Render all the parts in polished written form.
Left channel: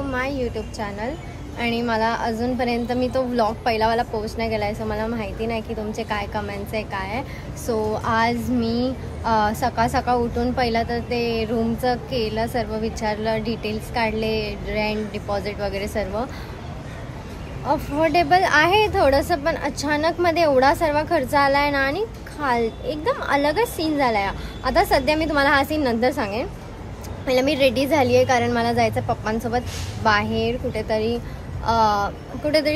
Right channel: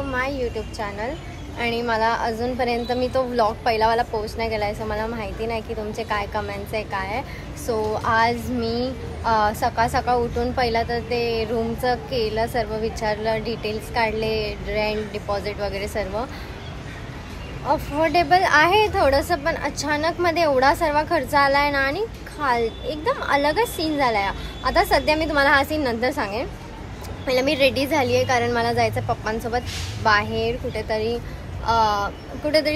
To my YouTube channel. आणि मला अजूनपर्यंत मी तो व्लॉग पहिलावाला पोस्ट नाही केला आहे, सो मला माहिती नाही की तुमचे काय कमेंट्स आहे काय आहे. सो आज मी सकाळ उठून पहिला तर ते रूमचं केलं, सर्व विचारलं, डिटेल्स काढले, रेंट डिपॉझिट वगैरे सर्व. अफोर्डेबल आहे थोडंसं, पण अचानक मध्ये एवढा सर्व खर्च आला आहे ना, आणि एकदम अलगच सीन झाला आहे. आता सध्या मी तुम्हाला हा सीन नंतर सांगेन. पहिला मी रेडी झाली आहे, कारण मला जायचं पप्पांसोबत बाहेर कुठेतरी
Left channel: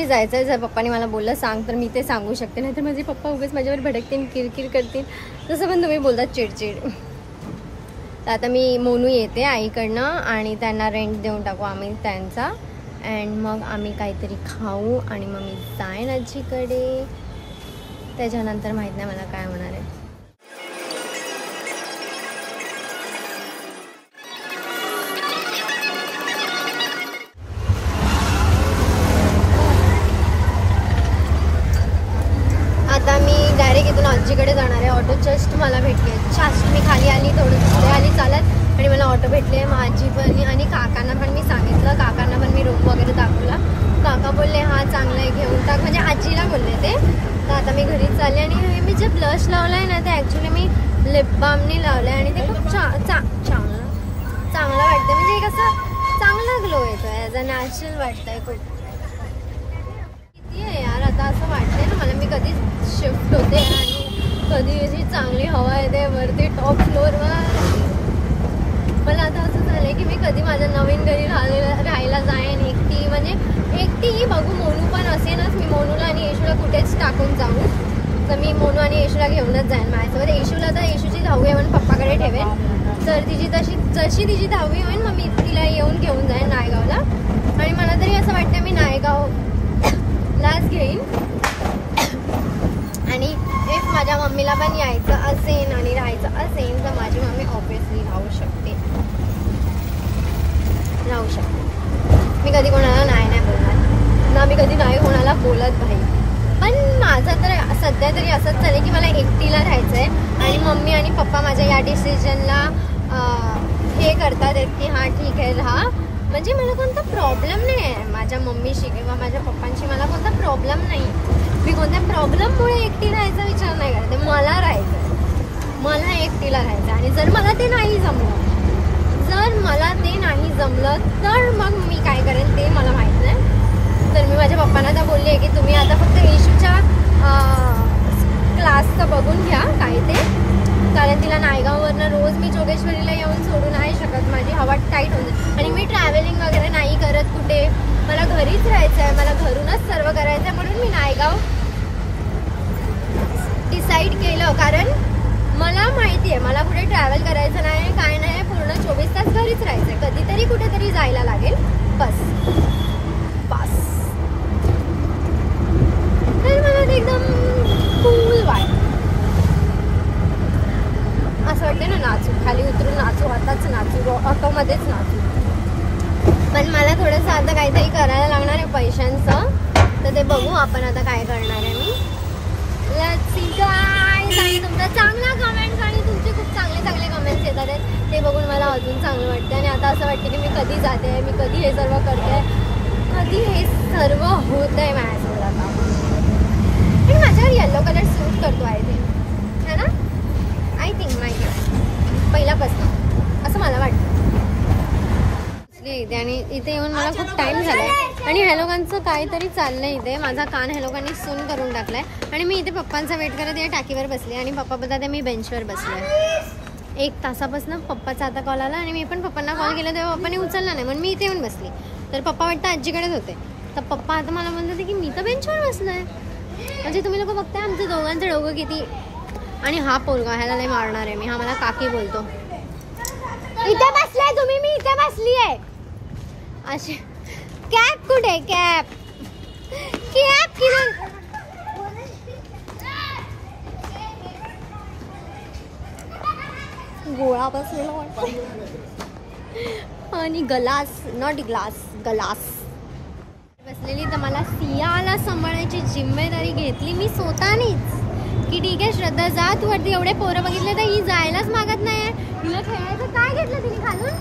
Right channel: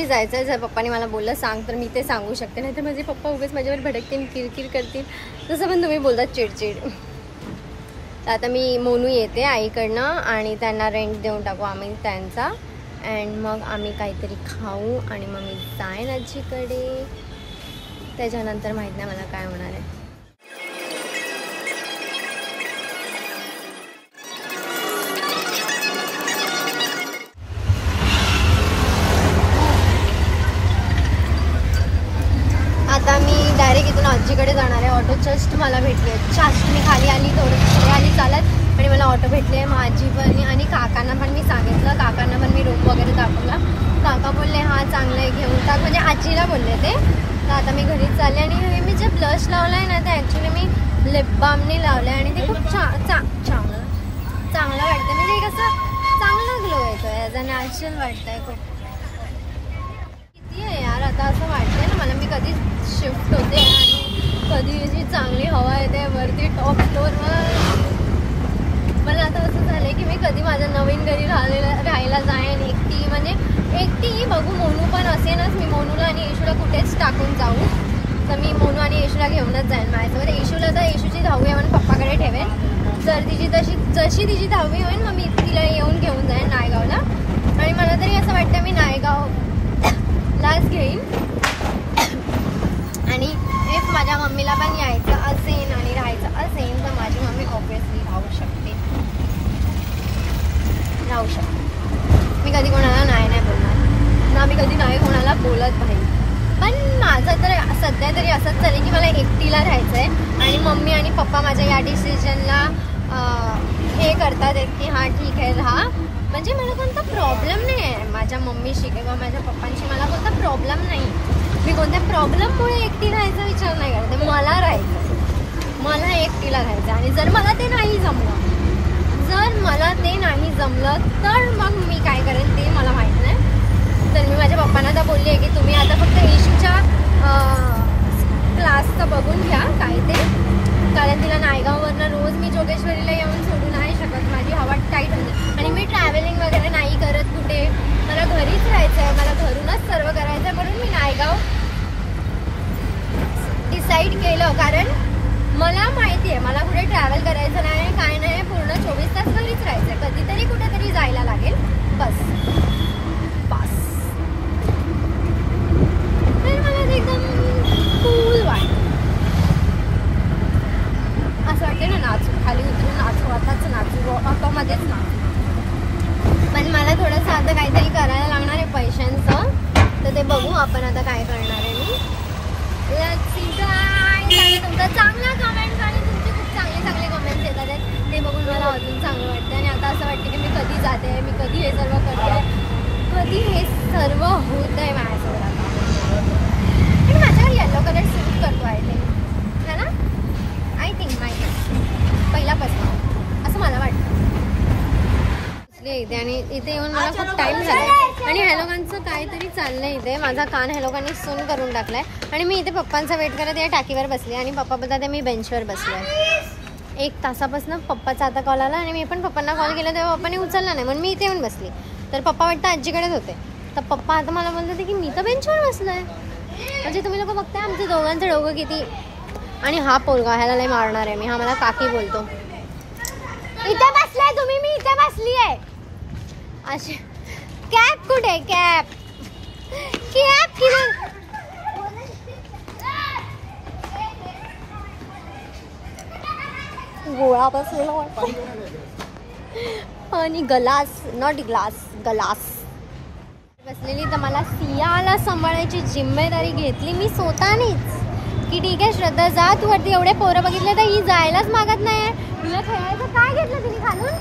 जायचं आहे. जर पप्पाने मला बोललं सांग तर मी ते सांगू शकते, नाही तर माझे पप्पा उगाच माझ्यावर भडकतील, किरकिर करतील, तसं पण तुम्ही बोलतात चिडचिड. तर आता मी मोनू येते आईकडनं आणि त्यांना रेंट देऊन टाकू आम्ही त्यांचा. अँड मग आम्ही काहीतरी खाऊ आणि मग मी जाईन आजीकडे. त्याच्यानंतर माहीत नाही मला काय होणार आहे. आता मी डायरेक्ट इथून आजीकडे जाणार आहे. ऑटो जस्ट मला भेटली आहे, जस्ट मी खाली आली, थोडंसं पुढे आली चालत आणि मला ऑटो भेटली आहे. मग आजी पण आणि काकांना पण मी सांगितलं, काकांना पण मी रोप वगैरे दाखवला. काका बोलले हा चांगलं आहे घेऊन टाक, म्हणजे आजीला बोलले ते. तर आता मी घरीच चालले. आणि हे मी जे ब्लश लावलं आहे ना, ते ॲक्च्युली मी लिप बामने लावलं आहे आणि ते खूप चांगलं वाटतं, म्हणजे कसं चांगला ग्लो येतो आहे, ॲज अ नॅचरल वाटतं आहे खूप. किती आहे यार, आता असं वाटतंय ना मला मी कधी शिफ्ट होते आणि कधी अशी चांगली हवा येते वरती टॉप फ्लोअरवर. पण आता असं झालंय की मी कधी माझ्या नवीन घरी राहायला जाईन एकटी, म्हणजे एकटी बघू. मोनू पण असेनच, मी मोनूला आणि येशूला कुठेच टाकून जाऊ, तर मी मोनू आणि येशूला घेऊनच जाईन माझ्यासोबत. येशूला तर येशूची 10वी आहे म्हणून पप्पाकडे ठेवेन, तर जशी तिची 10वी होईल मग मी तिला येऊन घेऊन जाईन नायगावला. आणि मला तरी असं वाटतं मी नायगावलाच घेईन. आणि इफ माझ्या मम्मीला पण यायचं असेल आणि राहायचं असेल तर माझी मम्मी ऑब्विसली राहू शकते. मी कधी कोणाला नाही बोलणार ना, मी कधी नाही कोणाला बोलत नाही. पण माझं तर सध्या तरी असंच चालेल की मला एकटीला राहायचं आहे. आणि मम्मी आणि पप्पा माझ्या या डिसिजनला हे करतात की हां ठीक आहे राहा, म्हणजे मला कोणता प्रॉब्लेम नाही आहे माझ्या मम्मीशी किंवा माझ्या पप्पांशी. मला कोणता प्रॉब्लेम नाही, मी कोणत्या प्रॉब्लेममुळे एकटी राहायचा विचार नाही करते. मला राहायचं आहे, मला एकटीला राहायचं. आणि जर मला ते नाही जमलं तर मग मी काय करेन ते मला माहीत नाही. तर मी माझ्या पप्पांना तर बोलली आहे की तुम्ही आता फक्त येशूच्या क्लासचं बघून घ्या काय ते, कारण तिला नायगाववरनं रोज मी जोगेश्वरीला येऊन सोडू नाही शकत, माझी हवा टाईट होऊन जाईल. आणि मी ट्रॅव्हलिंग वगैरे नाही करत कुठे, मला घरीच राहायचं आहे, मला घरूनच सर्व करायचं आहे. म्हणून मी नायगाव डिसाईड केलं, कारण मला माहिती आहे मला कुठे ट्रॅव्हल करायचं नाही, काय नाही, पूर्ण 24 तास घरीच राहायचं आहे. कधीतरी कुठेतरी जायला लागेल बस. तर मला एकदम कूल वाटतं, असं वाटतं ना नाचू, खाली उतरून नाचू, आताच नाचू, ऑटोमध्येच नाचू. पण मला थोडंसं आता काहीतरी करायला लागणार आहे पैशांचं, तर ते बघू आपण आता काय करणार आहे मी. Let's see guys. आणि तुमचा चांगला कमेंट्स आणि तुमचे खूप चांगले कमेंट्स येतात आहेत, ते बघून मला अजून चांगलं वाटतं. आणि आता असं वाटतं की मी कधी जाते, मी कधी हे सर्व करते, कधी हे सर्व होत आहे माझ्यासोबत आता. आणि माझ्यावर येलो कलर सूट करतो आय थिंक, है ना? आय थिंक माहिती पहिल्यापासून असं मला वाटतं. इथे आणि इथे येऊन मला खूप टाइम झालाय. आणि ह्या लोकांचं काहीतरी चाललंय इथे. माझा कान ह्या लोकांनी सून करून टाकलाय. आणि मी इथे पप्पांचा वेट करत या टाकीवर बसले आणि पप्पा बोलतात मी बेंचवर बसलोय. 1 तासापासून पप्पाचा आता कॉल आला आणि मी पण पप्पांना कॉल केला तेव्हा पप्पाने उचलला नाही, म्हणून मी इथे येऊन बसली. तर पप्पा वाटतं आजीकडेच होते, तर पप्पा आता मला बोलत होते की मी तर बेंचवर बसलोय. म्हणजे तुम्ही लोक बघताय आमचं दोघांचं डोकं किती. आणि हा पोरगा ह्याला लय मारणार आहे मी, हा मला काकी बोलतो. इथे बसलाय तुम्ही, मी इथे बसली आहे अशी. कॅप कुठे, कॅप किरण गोळा बसलेला वाटतो. आणि ग्लास, नॉट ग्लास, ग्लास बसलेली. तर मला सियाला सांभाळायची जिम्मेदारी घेतली मी स्वतःनीच, की ठीक आहे श्रद्धा जा तू वरती, एवढे पोरं बघितले तर ही जायलाच मागत नाही. हिला खेळायचं काय घेतलं तिने खालून,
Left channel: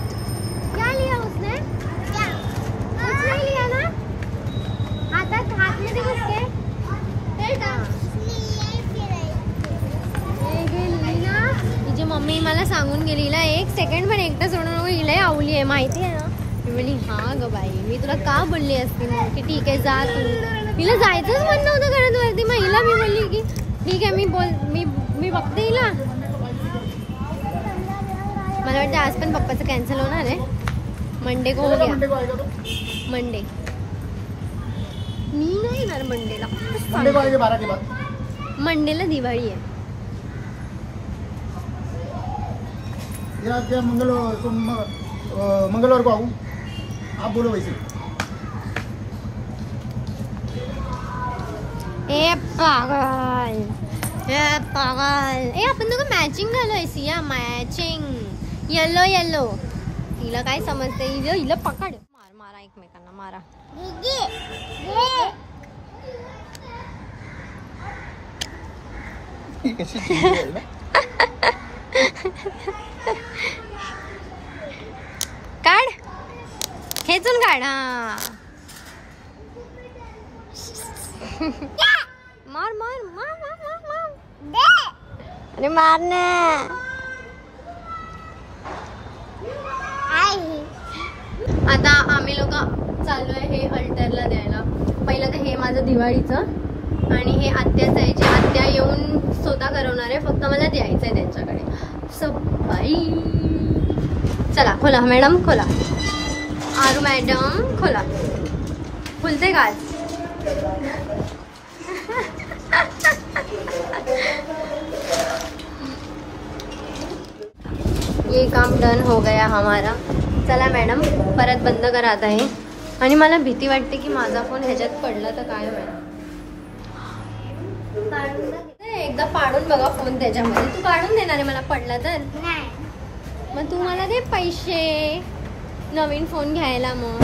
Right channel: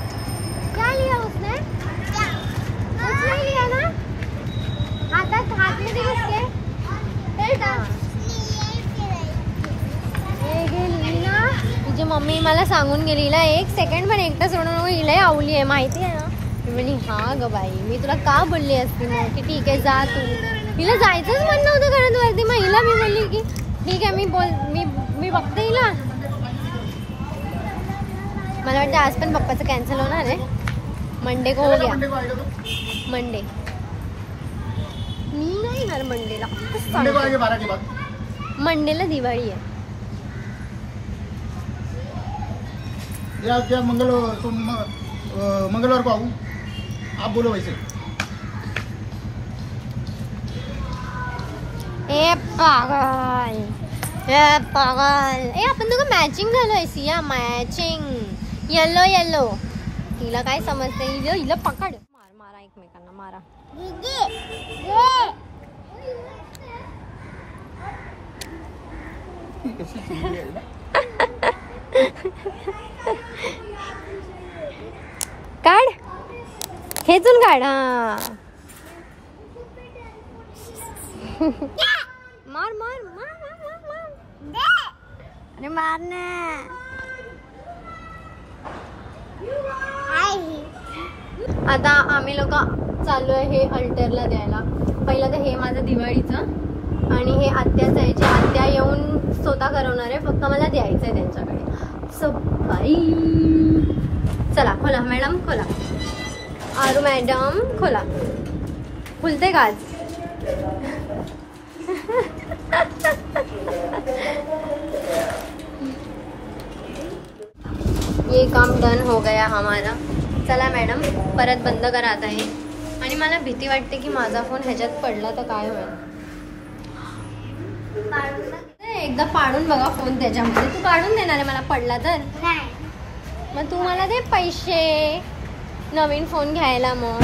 क्या लिया उसने, नाही लिया ना हातात, हात मध्ये बसते ना. तिची मम्मी मला सांगून गेली हिला 1 सेकंड पण एकटा सोडून हिला आवली आहे माहिती आहे ना. मी म्हणली हा ग बाई मी तुला का बोलली असती मग की ठीक आहे जा तू. हिला जायचंच म्हणणं होतं घरात वरती. मग हिला मी बोलली की ठीक आहे मी बघते हिला. मला वाटतं आज पण पप्पाचं कॅन्सल होणार आहे. मंडे को हो गया. मंडे नाही येणार मंडेला. मंडेला दिवाळी आहे. मंगलवार को आऊँ आप बोलो वैसे. ए पागल ए आपण दोघं मॅचिंग झालोय सिया. Matching yellow. तिला काय समजते. हिला पकड. मारा एकमेकांना मारा. काढ खेचून काढ. हा मार अरे मार ना. आता आम्ही लोक चालू आहे हे अल्टरला द्यायला. पहिलं तर हे माझं दिवाळीचं आणि हे आत्याचं आहे जे आत्या येऊन स्वतः करवणार आहे. फक्त मला द्यायचं आहे त्यांच्याकडे. सो बाई चला खोला मॅडम खोला. आरू मॅडम खोला. खुलते का आज. ये काम डन हो गया हमारा. चला मॅडम परत बंद करा आता हे. आणि मला भीती वाटते की माझा फोन ह्याच्यात पडला तर काय होईल. एकदा पाडून बघा फोन त्याच्यामध्ये. तू काढून देणार आहे मला पडला तर. मग तू मला दे पैसे नवीन फोन घ्यायला. मग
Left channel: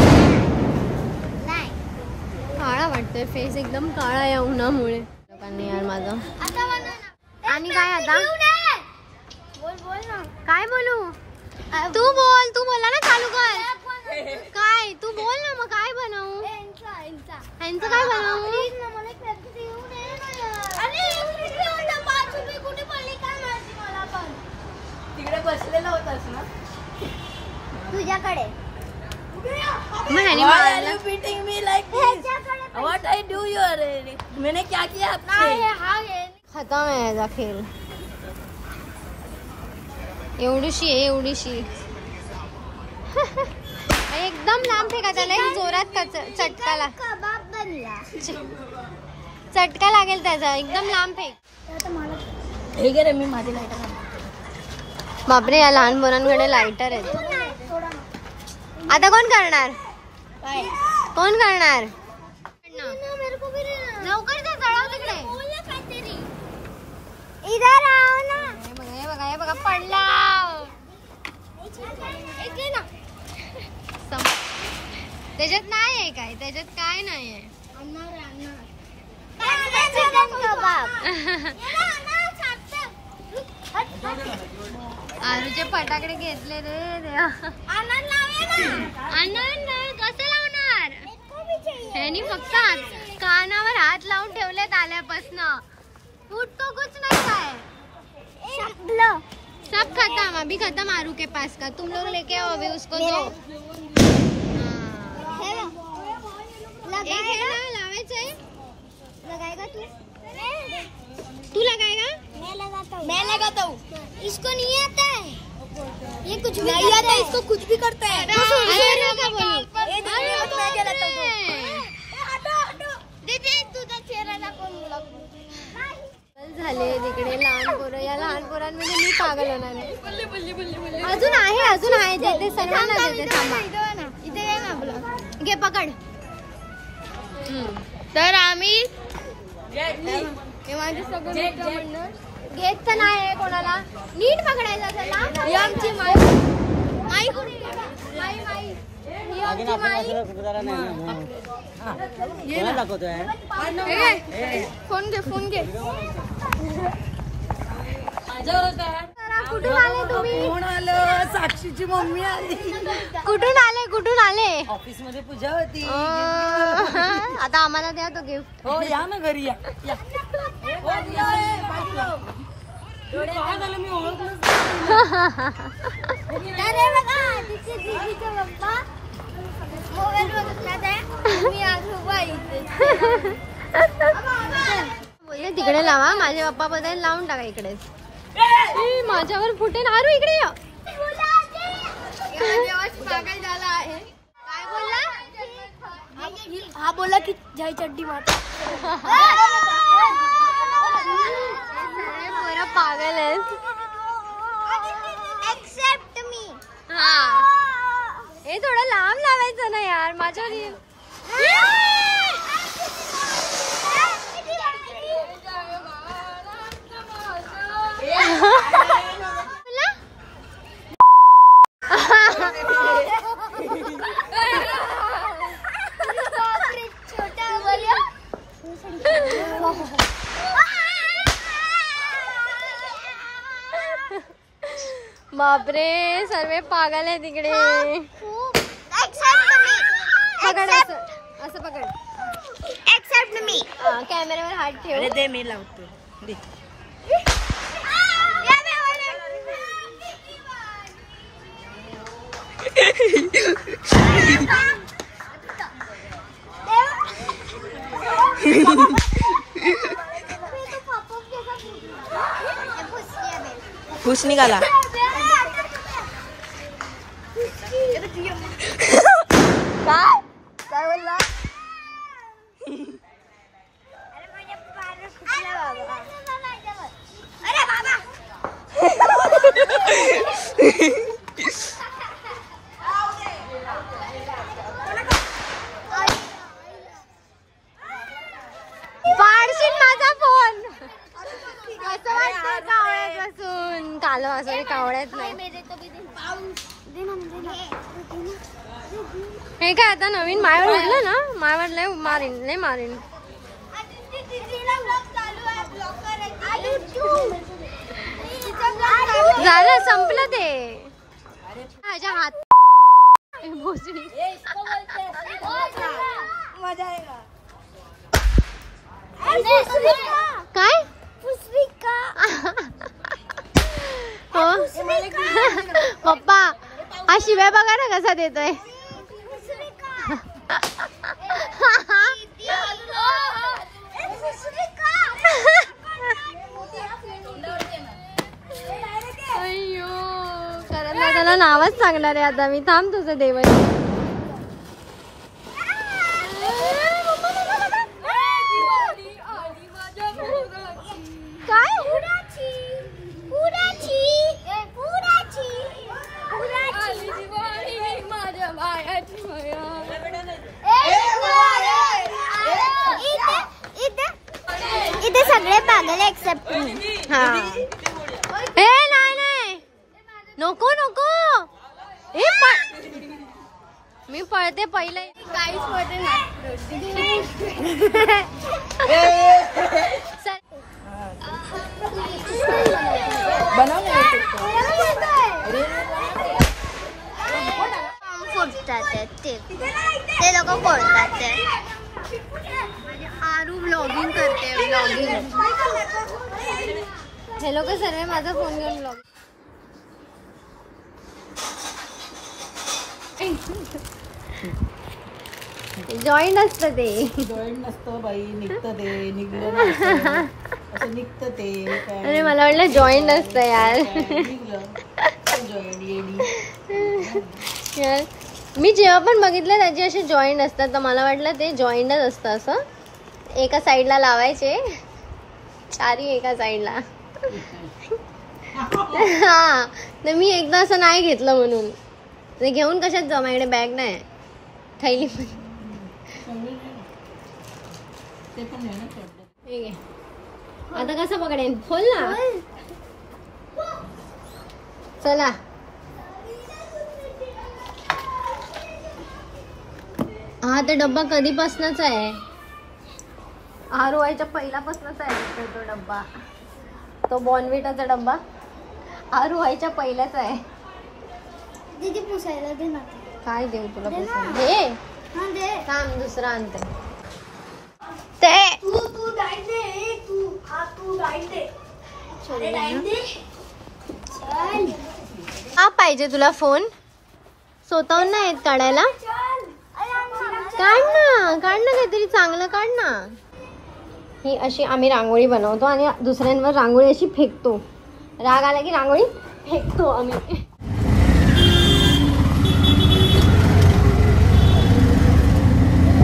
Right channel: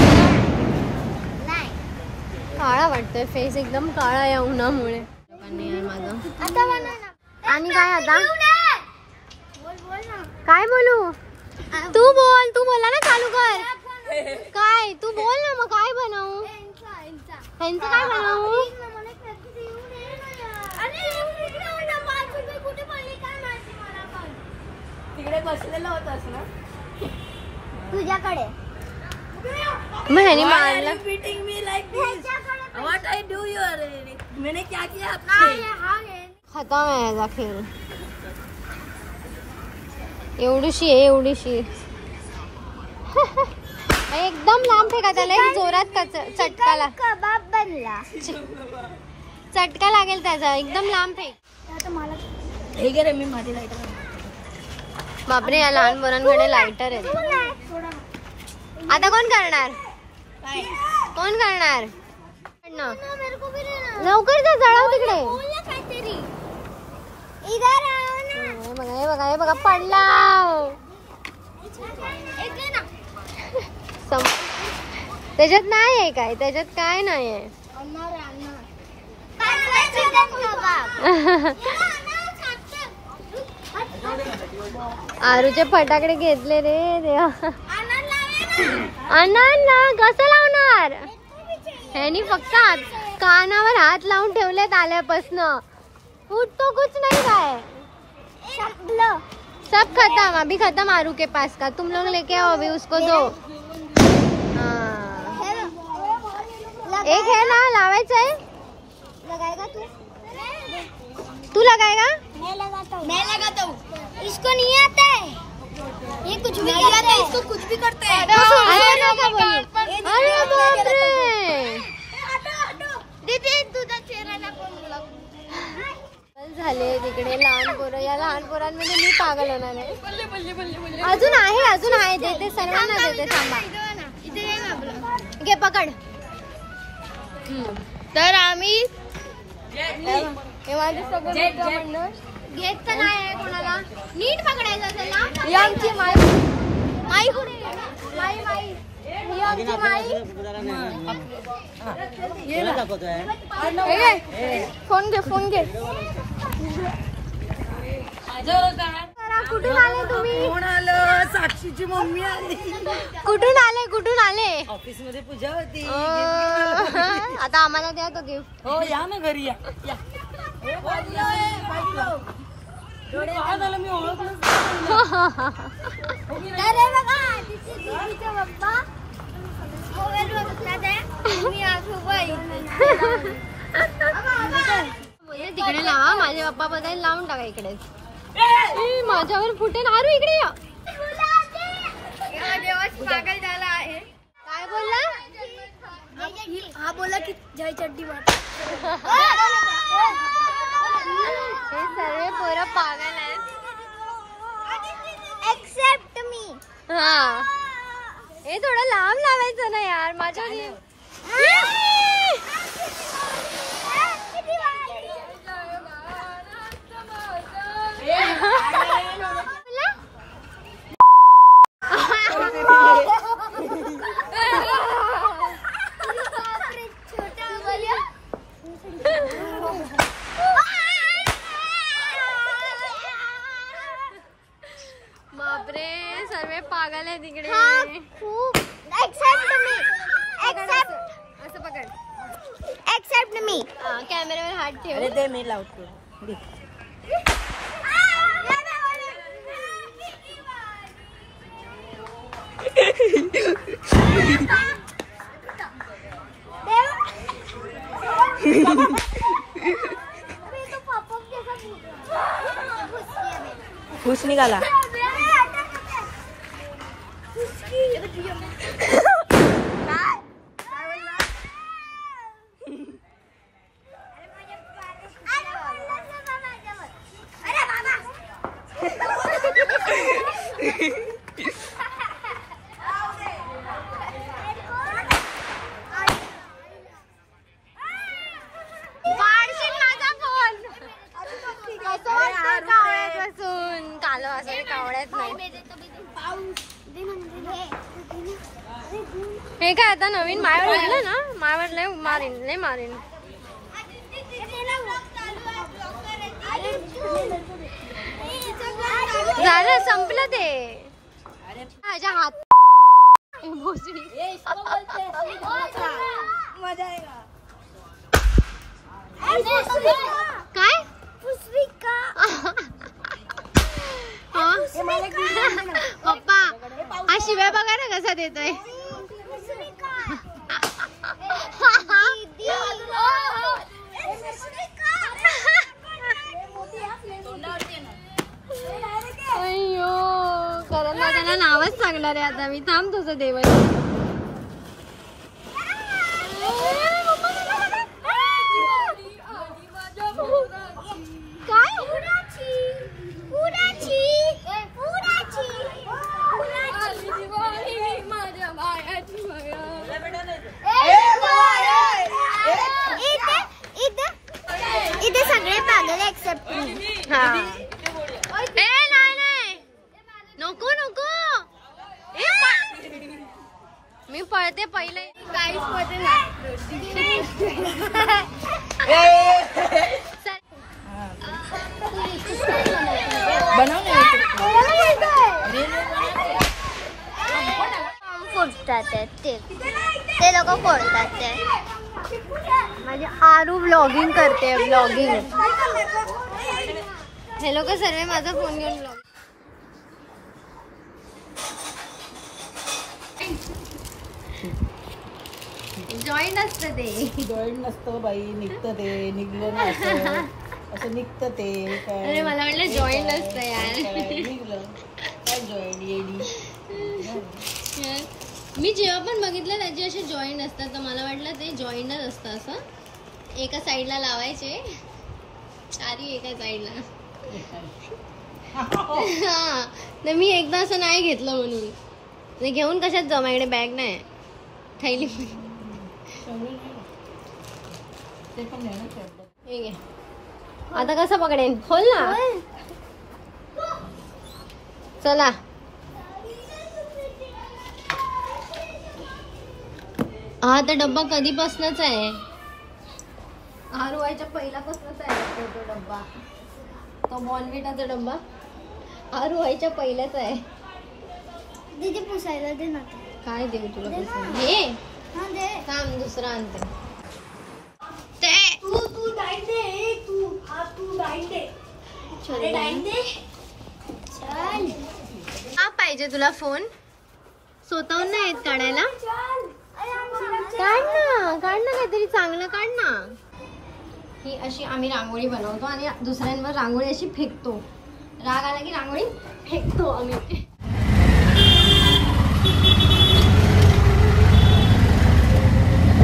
काळा वाटतोय फेस एकदम काळा या उन्हामुळे. लोकांनी यार माझं. आणि काय आता काय बोलू. तू बोला ना चालू कर. काय तू बोल ना मग काय बनवू. ह्यांचं काय बनवू. तिकडे बसलेला होतास ना तुझ्याकडे. मग ह्याने मारलं. What I do you already? मैंने क्या किया आपसे? खतम आहे याचा खेळ. एवढीशी एकदम लांब फेका. त्याला जोरात चटका चटका लागेल त्याचा. एकदम लांब फेक. मी माझी बापरे या लहान पोरांकडे लायटर आहेत. आता कोण करणार. लवकर जा जळव तिकडे. हे बघा पडला. त्याच्यात नाही आहे काय. त्याच्यात काय नाही आहे. आरूचे फटाकडे घेतले रे देवा. ना कसं लावणार. ह्यानी फक्त कानावर हात लावून ठेवलेत आल्यापासनं. उठतो कुछ नहीं है. सब खत्म. अभी खत्म आरू के पास का. तुम लोग लेके आओ अभी उसको दो. एक है ना लावायचं आहे. लगाएगा तू लगाएगा. मैं लगाता हूँ. इसको नहीं आता है. ये कुछ भी नहीं आता है. इसको कुछ भी करते हैं. अरे नका बोलू. अरे बापरे. दीदी तुझा चेहरा नको. झाले तिकडे लहान पोरं. या लहान पोरांमध्ये मी पागल होणार आहे. अजून आहे देते सर्वांना देते. थांबा घे पकड. तर आम्ही हे माझे सगळे मित्र म्हणणार. घेतचं नाही कोणाला. नीट पकडायचं त्याला. ही आमची माई कुठे माई फोन घे. कुठून आले तुम्ही? कोण आलं? साक्षीची मम्मी आली. कुठून आले? ऑफिस मध्ये पूजा होती. आता आम्हाला द्या तो गिफ्ट. हो या ना घरी या. काय झालं मी ओळखलंच अरे बघा तिचे दीदीचा पप्पा मोबाईल बघतात आहे. मी आज उभा इथे. तिकडे लावा. माझे पप्पा बघायला लावून टाका इकडेच. माझ्यावर फुटेल. आरू इकडे या. पागल झाला आहे. काय बोलला? हा बोला की जय चड्डी मार. सर्व पोरं पागल आहेत. एक्सेप्ट मी. हा हे थोडं लांब लावायचं ना यार माझ्यावर. बापरे सर्व पागल आहे तिकडे. असं पकड. एक्सेप्ट मी. कॅमेऱ्यावर हात ठेव. दे मी लावतो. खुश निघाला. काय बोलला? पाडशील माझा फोन. कसं वाटतं कावळ्यात बसून? कालो असं कावळ्यात नाही. हे काय आता नवीन मायावर उठलं ना. मायावर लय मारीन. झालं संपलं ते. माझ्या हात भोसडी. काय पप्पा हा शिवाय बघा ना कसा देतोय. अय्यो कारण त्याला नावच सांगणार आहे आता मी. थांब तुझं देवाची. इथे सगळे पागल एक्सेप्ट मी. हा नाही नको मी पळते पहिले. काहीच मध्ये फोडतात ते लोक फोडतात. माझी आरू व्लॉगिंग करते. हे लोक सर्व माझा फोन घेऊन व्लॉग. जॉईन असतं ते. जॉईन नसतं बाई. निघतं ते. निघलं ना असं निघतं ते. अरे मला वाटलं जॉईन नसतं यार. यार मी जेव्हा पण बघितलं त्याची असे जॉईंट असतात तर मला वाटलं ते जॉईंटच असतं. असं एका साईडला लावायचे चारी एका साईडला. हा तर मी एकदा असं नाही घेतलं म्हणून. ते घेऊन कशात जाऊ? माझ्याकडे बॅग नाही. थैली ठीक आहे. आता कसं पकडेन? खोल ना. चला हा तर डब्बा कधीपासूनच आहे. आरोवायच्या पहिल्यापासूनच आहे तो डब्बा. तो बॉर्नव्हिटाचा डब्बा. आरू व्हायच्या पहिल्याच आहे. दीदी पुसायला दे ना. काय देऊ तुला पुसायला? हे हा दे. थांब दुसरा आणते. ते तू डाईट दे. तू डाईट दे. अरे डाईट दे. चल. हा पाहिजे तुला फोन? स्वतःहून नाही येत काढायला? काढ ना काहीतरी चांगलं काढ ना. ही अशी आम्ही रांगोळी बनवतो आणि दुसऱ्यांवर रांगोळी अशी फेकतो. राग आला की रांगोळी फेकतो आम्ही.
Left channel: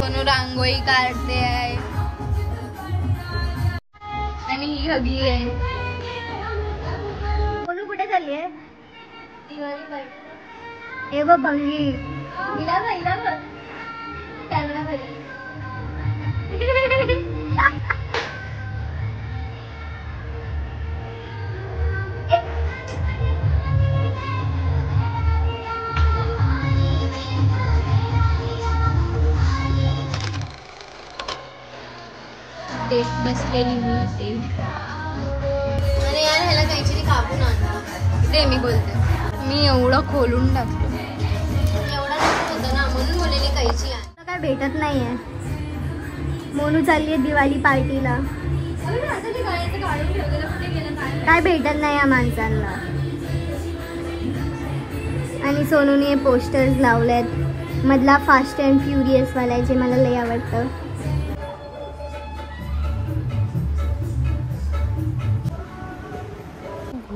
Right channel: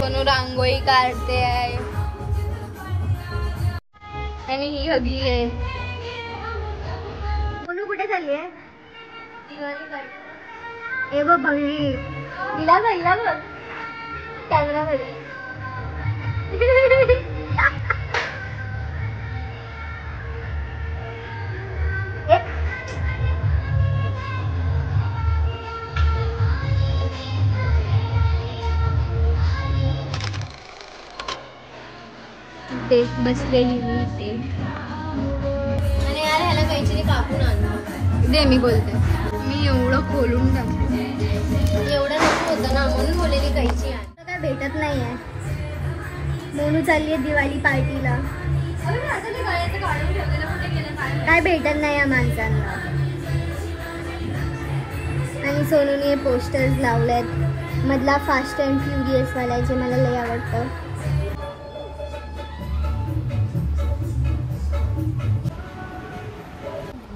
कोण रांगोळी काढते आहे आणि ही हगली आहे. बोलू कुठे चालली आहे? ए बघ बघी. हिला बघ कॅमेरा घरी. ते बसलेली अरे यार ह्याला काहीतरी कापून आणलं दे. मी बोलते मी एवढं खोलून टाकलं. एवढं नको होतं ना म्हणून बोललेली कैची आण. काय भेटत नाहीये. मोनू चालली आहे दिवाळी पार्टीला. काय भेटत नाही या माणसांना. आणि सोनूने पोस्टर्स लावलेत. मधला फास्ट अँड फ्युरियस वाला जे मला लय आवडतं.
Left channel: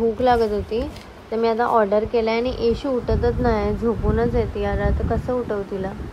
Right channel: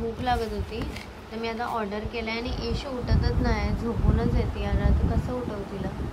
भूक लागत होती तर मी आता ऑर्डर केलाय आणि एशी उठतच नाही. झोपूनच येते यार. आता कसं उठव तिला?